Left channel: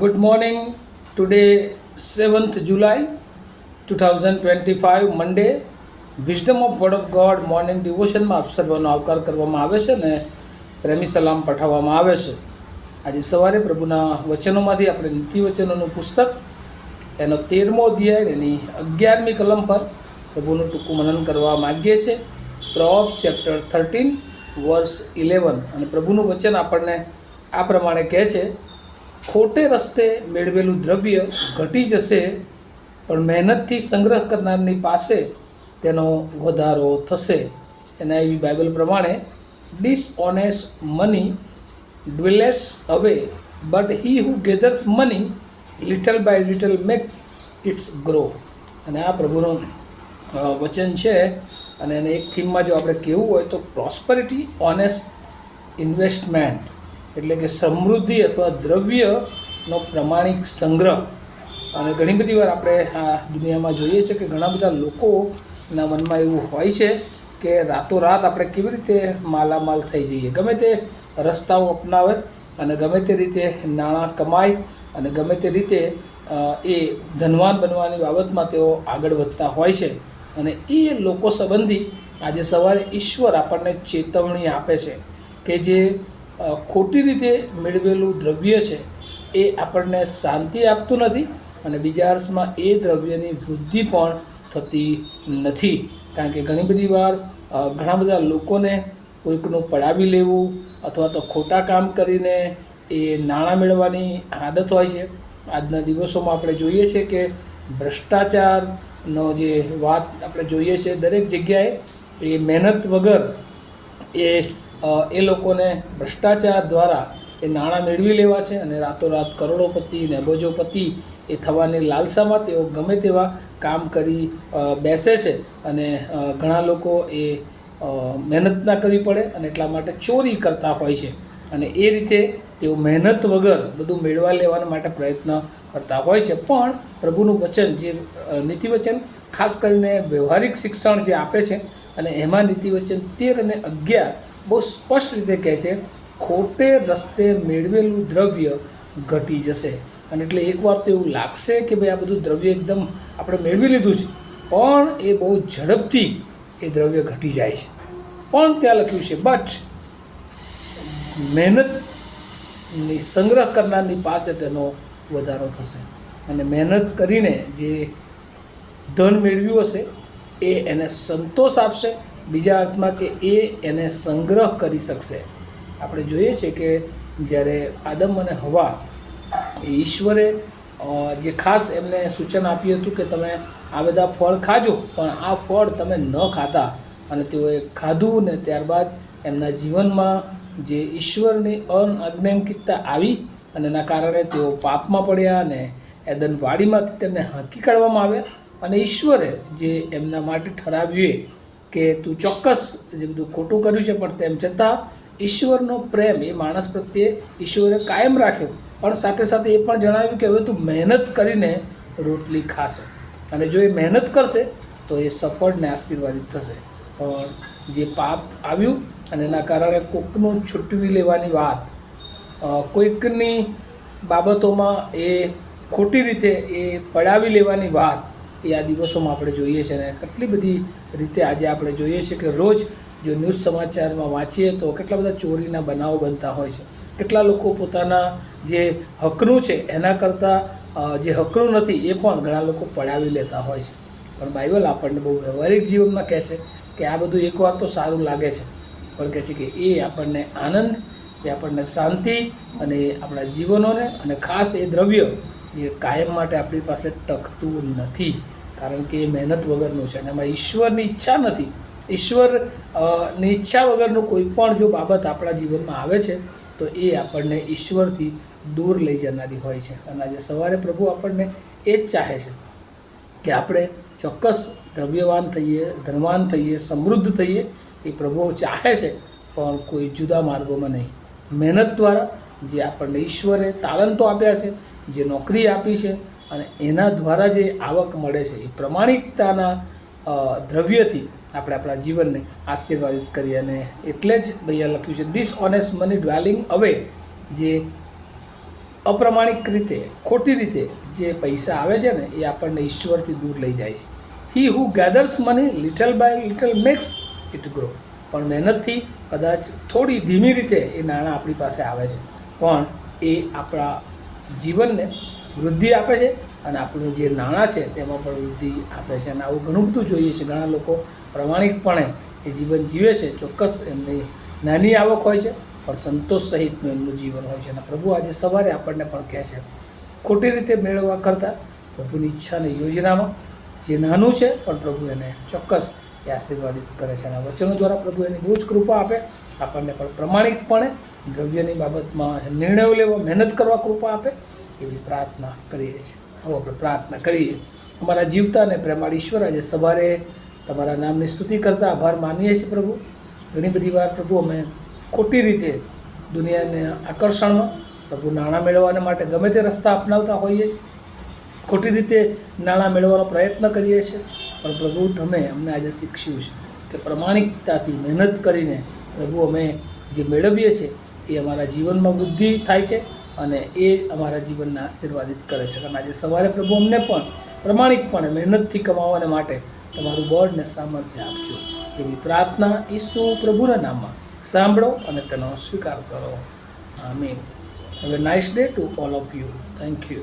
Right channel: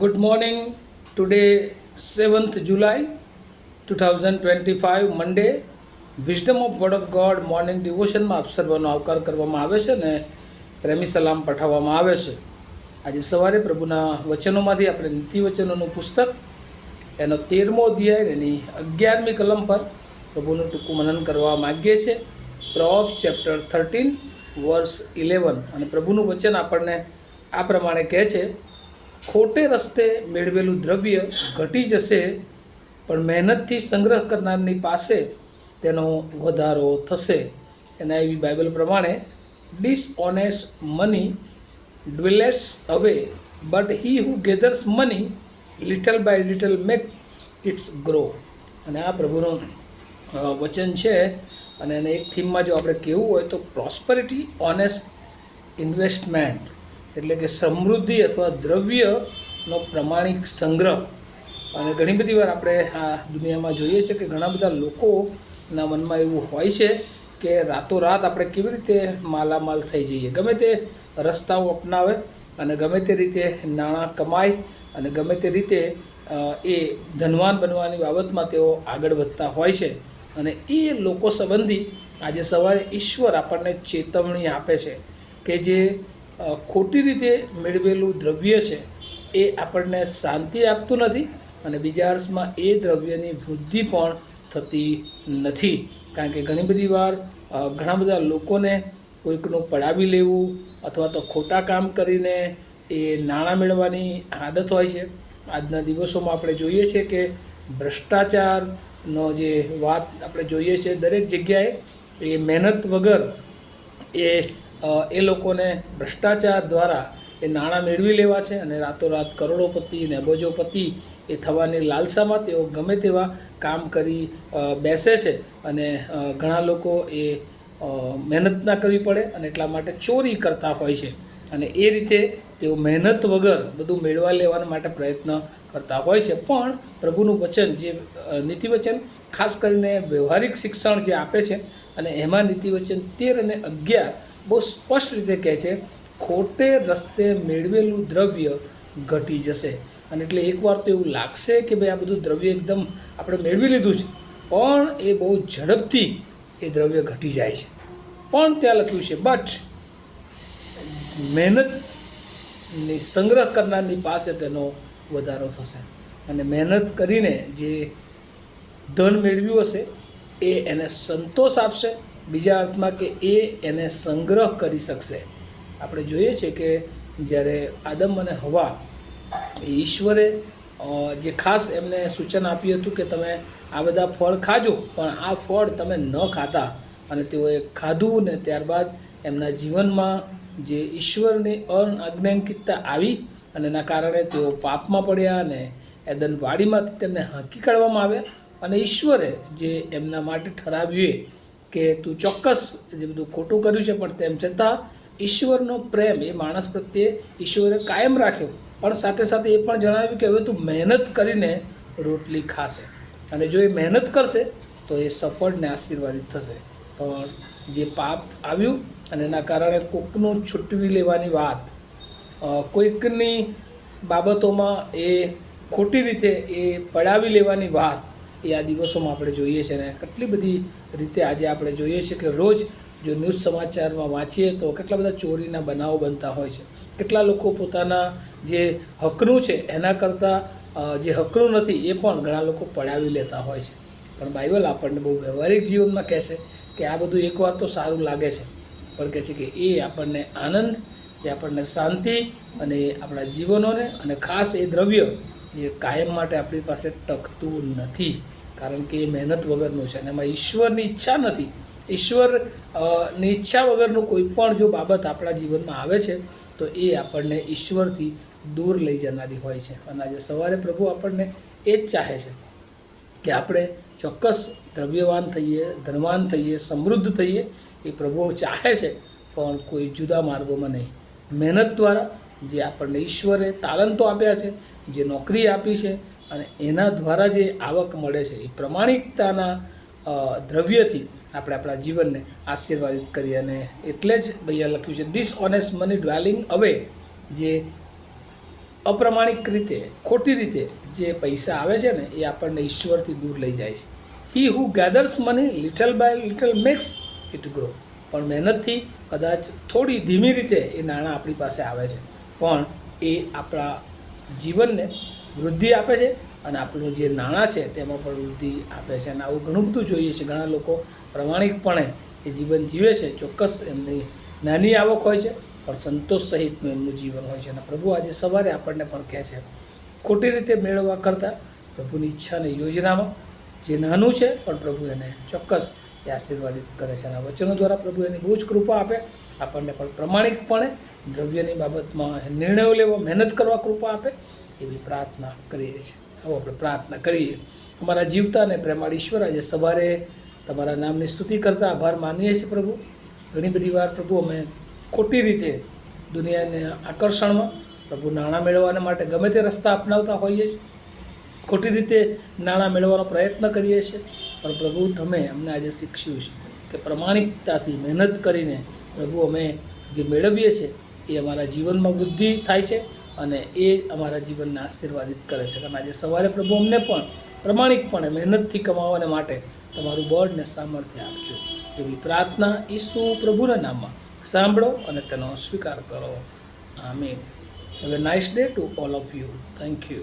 Good morning. Today, 7th July 2025, Monday. Wisdom of word of God morning ડિવોશનમાં આપ સર્વનો આવકાર કરવામાં આવે છે અને પ્રેમી સલામ પઠાવવામાં આવે છે. આજે સવારે પ્રભુના વચનોમાંથી આપણે નીતિવચનોનું પુસ્તક એનો 13મો અધ્યાય એની 11મી કલમ પર પ્રભુનું ટૂંકું મનન કરવા માગીએ છીએ. પ્રોવેર્બ્સ ચેપ્ટર 13 વર્સ 11. અને પ્રભુનું વચન આપણને આ પ્રમાણે કહે છે, ખોટે રસ્તે મેળવેલું દ્રવ્ય ઘટી જશે, પણ મહેનતથી સંગ્રહ કરનારની પાસે તેનો વધારો થશે. એના એવી બાઇબલ પ્રમાણે, ડિસઓનેસ્ટ money dwindles away, but he who gathers money little by little make its grow. અને આ પ્રભુનું વચન છે. અને એને એક થીમમાં જો આપણે કહેવું હોય તો પ્રોસ્પરિટી ઓનેસ્ટ ઇન્વેસ્ટમેન્ટ, એટલે કે સમૃદ્ધિ અથવા દ્રવ્યનો પ્રમાણિક સંગ્રહ. અને ઘણી બધી વાર આપણે આ દુનિયામાં જોઈએ છીએ કે ઘણા બધા લોકોના મનમાં એવું હોય છે કે રાતોરાત આપણે કેવી રીતે માલામાલ થઈ જઈએ, ગમે તે રસ્તાઓ અપનાવે અને ગમે તે રીતે નાણાં કમાય અને ગમે તે રીતે એ ધનવાન બનવાની બાબતમાં તેઓ આગળ વધતા હોય છે. અને એ લોકો સંબંધી આજે સવારે ઈશ્વર આપણને ચેતવણી આપે છે કે જે ખોટી રીતે મેળવેલું દ્રવ્ય છે એ આપણને શાંતિ આપતું નથી અને બીજા અર્થમાં એ દ્રવ્યની વૃદ્ધિ પણ થતી નથી. કારણ કે ઘણી બધી વાર ઘણા બધા લોકોને કોઈકનું પડાવી લેવું અથવા તો ખોટા કામ કરીને એ નાણાં મેળવવાની આદત હોય છે. આજના દિવસોમાં આપણે જોઈએ છીએ કે ભ્રષ્ટાચારનો જે વાત આપણે જોઈએ છે, દરેક જગ્યાએ એ મહેનત વગર એ લોકોને ભ્રષ્ટાચાર દ્વારા એ નાણાં મેળવી લેવા છે અને રાતોરાત કરોડોપતિ ને અબજોપતિ એ થવાની લાલસામાં તેઓ ગમે તેવા કામ કરી બેસે છે. અને ઘણા લોકો એ મહેનત ના કરવી પડે અને એટલા માટે ચોરી કરતા હોય છે અને એ રીતે તેઓ મહેનત વગર બધું મેળવા લેવાના માટે પ્રયત્ન કરતા હોય છે. પણ પ્રભુનું વચન, જે નીતિવચન ખાસ કરીને વ્યવહારિક શિક્ષણ જે આપે છે, અને એમાં નીતિવચન 13 અને 11 બહુ સ્પષ્ટ રીતે કહે છે, ખોટે રસ્તે મેળવેલું દ્રવ્ય ઘટી જશે. અને એટલે એકવાર તો એવું લાગશે કે ભાઈ આ બધું દ્રવ્ય એકદમ આપણે મેળવી લીધું છે, પણ એ બહુ ઝડપથી એ દ્રવ્ય ઘટી જાય છે. પણ ત્યાં લખ્યું છે, બટ મહેનતની સંગ્રહ કરનારની પાસે તેનો વધારો થશે. અને મહેનત કરીને જે ધન મેળવ્યું હશે એ એને સંતોષ આપશે, બીજા અર્થમાં કે એ એને સંગ્રહ કરી શકશે. આપણે જોઈએ છીએ કે જ્યારે આદમ અને હવા એ ઈશ્વરે જે ખાસ એમને સૂચન આપ્યું હતું કે તમે આ બધા ફળ ખાજો, પણ આ ફળ તમે ન ખાતા, અને તેઓએ ખાધું ને ત્યારબાદ એમના જીવનમાં જે ઈશ્વરની અનઅજ્ઞાનકિતતા આવી અને એના કારણે તેઓ પાપમાં પડ્યા અને એદન વાડીમાંથી તેમને હાંકી કાઢવામાં આવ્યા. અને ઈશ્વરે જે એમના માટે ઠરાવ્યું કે તું ચોક્કસ જે બધું ખોટું કર્યું છે, પણ તેમ છતાં ઈશ્વરનો પ્રેમ એ માણસ પ્રત્યે ઈશ્વરે કાયમ રાખ્યો. પણ સાથે સાથે એ પણ જણાવ્યું કે હવે તું મહેનત કરીને રોટલી ખાશે, અને જો એ મહેનત કરશે તો એ સફળ ને આશીર્વાદિત થશે. પણ જે પાપ આવ્યું અને એના કારણે કોઈકનું છૂટવી લેવાની વાત, કોઈકની બાબતોમાં એ ખોટી રીતે એ પડાવી લેવાની વાત એ આ દિવસોમાં આપણે જોઈએ છીએ. અને કેટલી બધી રીતે આજે આપણે જોઈએ છીએ કે રોજ જો ન્યૂઝ સમાચારમાં વાંચીએ તો કેટલા બધા ચોરીના બનાવો બનતા હોય છે. કેટલા લોકો પોતાના જે હકનું છે એના કરતાં જે હકનું નથી એ પણ ઘણા લોકો પડાવી લેતા હોય છે. પણ બાઇબલ આપણને બહુ વ્યવહારિક જીવનમાં કહે છે કે આ બધું એકવાર તો સારું લાગે છે, પણ કહે છે કે એ આપણને આનંદ, એ આપણને શાંતિ અને આપણા જીવનોને, અને ખાસ એ દ્રવ્ય એ કાયમ માટે આપણી પાસે ટકતું નથી, કારણ કે એ મહેનત વગરનું છે અને એમાં ઈશ્વરની ઈચ્છા નથી. ઈશ્વરની ઈચ્છા વગરનું કોઈ પણ જો બાબત આપણા જીવનમાં આવે છે તો એ આપણને ઈશ્વરથી દૂર લઈ જનારી હોય છે. અને આજે સવારે પ્રભુ આપણને એ જ ચાહે છે કે આપણે ચોક્કસ દ્રવ્યવાન થઈએ, ધનવાન થઈએ, સમૃદ્ધ થઈએ. એ પ્રભુ ચાહે છે, પણ કોઈ જુદા માર્ગોમાં નહીં. મહેનત દ્વારા જે આપણને ઈશ્વરે તાલંતો આપ્યા છે, જે નોકરી આપી છે, અને એના દ્વારા જે આવક મળે છે, એ પ્રમાણિકતાના દ્રવ્યથી આપણે આપણા જીવનને આશીર્વાદિત કરીએ. અને એટલે જ ભૈયા લખ્યું છે, ડિસઓનેસ્ટ મની ડ્વેલિંગ અવે, જે અપ્રમાણિક રીતે, ખોટી રીતે જે પૈસા આવે છે ને એ આપણને ઈશ્વરથી દૂર લઈ જાય છે. He who gathers money little by little makes it grow. પણ મહેનતથી કદાચ થોડી ધીમી રીતે એ નાણાં આપણી પાસે આવે છે, પણ એ આપણા જીવનને વૃદ્ધિ આપે છે અને આપણું જે નાણાં છે તેમાં પણ વૃદ્ધિ આપે છે. અને આવું ઘણું બધું જોઈએ છે. ઘણા લોકો પ્રમાણિકપણે એ જીવન જીવે છે. ચોક્કસ એમની નાની આવક હોય છે પણ સંતોષ સહિતનું એમનું જીવન હોય છે. અને પ્રભુ આજે સવારે આપણને પણ કહે છે, ખોટી રીતે મેળવવા કરતાં પ્રભુની ઈચ્છા અને યોજનામાં જે નાનું છે પણ પ્રભુ એને ચોક્કસ એ આશીર્વાદિત કરે છે. અને વચનો દ્વારા પ્રભુ એની બહુ જ કૃપા આપે, આપણને પણ પ્રમાણિકપણે દ્રવ્યની બાબતમાં નિર્ણયો લેવા, મહેનત કરવા કૃપા આપે, એવી પ્રાર્થના કરીએ છીએ. આવો આપણે પ્રાર્થના કરીએ. અમારા જીવતા અને પ્રેમાળ ઈશ્વર, આજે સવારે તમારા નામની સ્તુતિ કરતા આભાર માનીએ છીએ પ્રભુ. ઘણી બધી વાર પ્રભુ અમે ખોટી રીતે દુનિયાને આકર્ષણમાં પ્રભુ નાણાં મેળવવાને માટે ગમે તે રસ્તા અપનાવતા હોઈએ છીએ, ખોટી રીતે નાણાં મેળવવાનો પ્રયત્ન કરીએ છીએ. પણ પ્રભુ તમે અમને આજે શીખ્યું છે કે પ્રમાણિકતાથી મહેનત કરીને પ્રભુ અમે જે મેળવીએ છીએ એ અમારા જીવનમાં વૃદ્ધિ થાય છે અને એ અમારા જીવનને આશીર્વાદિત કરે છે. અને આજે સવારે પ્રભુ અમને પણ પ્રમાણિકપણે મહેનતથી કમાવાને માટે તમારું બળ ને સામર્થ્ય આપજો, એવી પ્રાર્થના ઈસુ પ્રભુના નામમાં સાંભળો અને તેનો સ્વીકાર કરો. આમીન. Have a nice day to all of you. Thank you.